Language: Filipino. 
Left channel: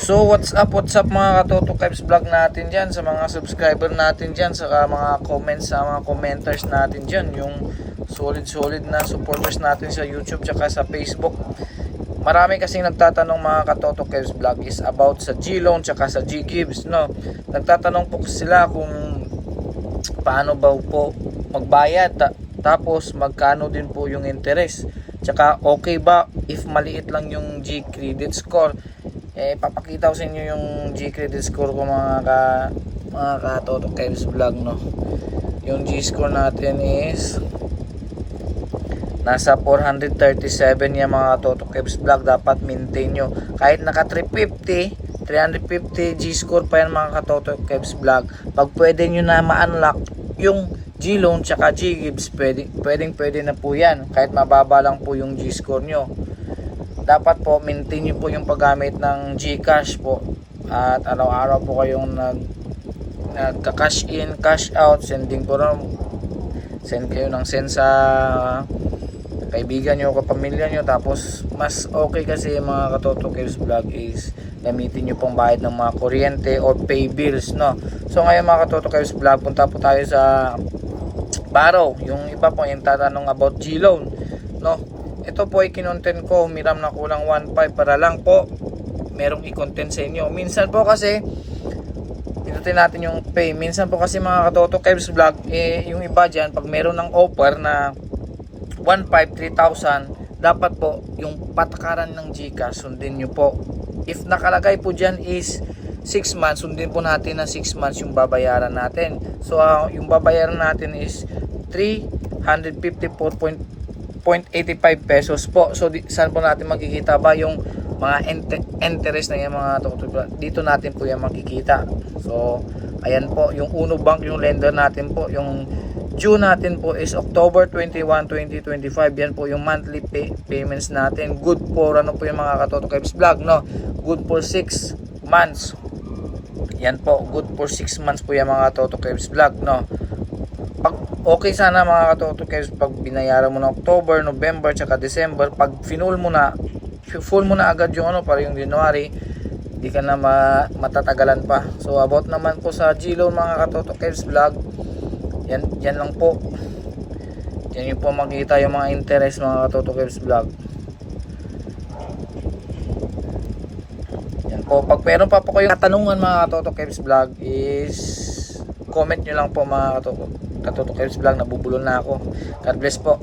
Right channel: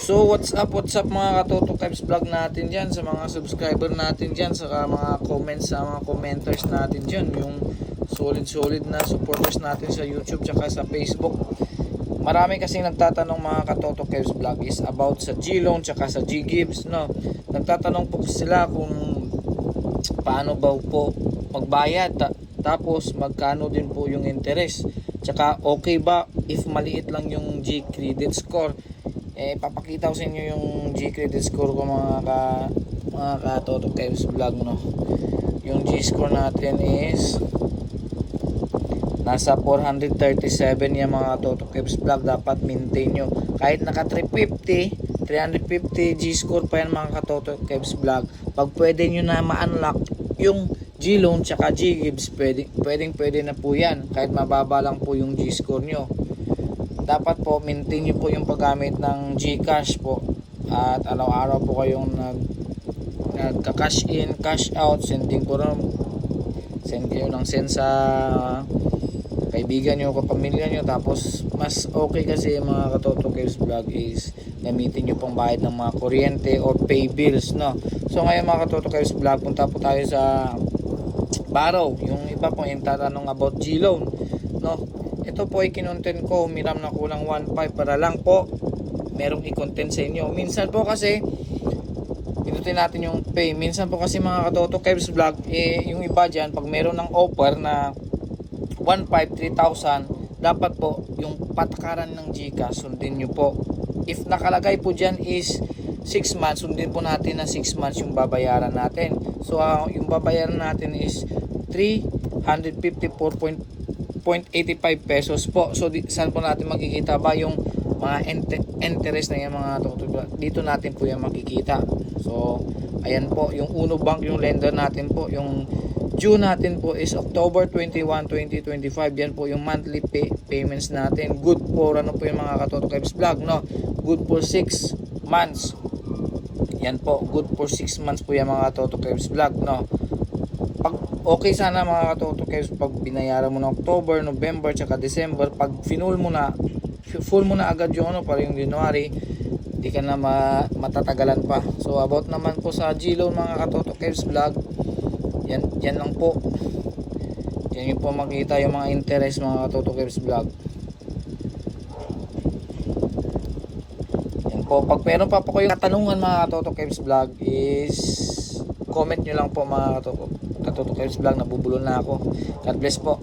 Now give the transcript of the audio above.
So what's up, what's up mga Katoto Kebs vlog natin dyan sa mga subscriber natin dyan saka mga comments sa mga commenters natin dyan yung solid solid na supporters natin sa YouTube tsaka sa Facebook. Marami kasing nagtatanong mga Katoto Kebs vlog is about sa G-Loan tsaka sa G-Gibbs no? Nagtatanong po sila kung paano ba po magbayad ta- tapos magkano din po yung interest. Tsaka okay ba if maliit lang yung G credit score eh papakita ko sa inyo yung G credit score ko mga ka mga ka Toto Kevs vlog no? Yung G score natin is nasa 437 yan mga Toto Kevs vlog. Dapat maintain nyo. Kahit naka 350 350 G score pa yan mga katoto Kevs vlog. Pag pwede nyo na ma-unlock yung G loan tsaka G gives pwede, pwedeng pwede na po yan. Kahit mababa lang po yung G score nyo dapat po maintain nyo po yung paggamit ng Gcash po. At araw-araw po kayong nag nagka-cash in, cash out, sending po rin send kayo ng send sa kaibigan nyo, kapamilya nyo. Tapos mas okay kasi mga katoto Caves vlog is gamitin nyo pang bayad ng mga kuryente or pay bills no? So ngayon mga katoto Caves vlog punta po tayo sa Baro yung iba po yung tatanong about G-Loan no ito po ay kinontent ko humiram na kulang 1.5 para lang po merong i-content sa inyo. Minsan po kasi pinutin natin yung pay. Minsan po kasi mga katoto Caves vlog eh, yung iba dyan pag meron ng offer na 1.5, 3,000 dapat po yung patakaran ng GCash sundin nyo po. If nakalagay po dyan is 6 months sundin po natin ng 6 months yung babayaran natin. So ah, yung babayaran natin is 354.85 pesos po. So saan po natin makikita ba yung mga interest na yan mga toto dito natin po yan makikita. So ayan po yung Uno Bank yung lender natin po yung due natin po is October 21, 2025 yan po yung monthly pay, payments natin. Good for ano po yung mga katoto Kebs vlog no? Good for 6 months. Yan po good for 6 months po yung mga Toto Kebs vlog no okay sana mga Toto Kebs pag binayaran mo na October, November, tsaka December pag finul mo na full mo na agad yung ano para yung January di ka na ma matatagalan pa. So about naman po sa G-Loan mga Katoto vlog yan, yan lang po. Yan yung po makita yung mga interest mga Katoto vlog. Yan po. Pag meron pa po kayong katanungan mga Katoto Vlog is comment nyo lang po mga Katoto Kevs Vlog. Nabubulol na ako. God bless po.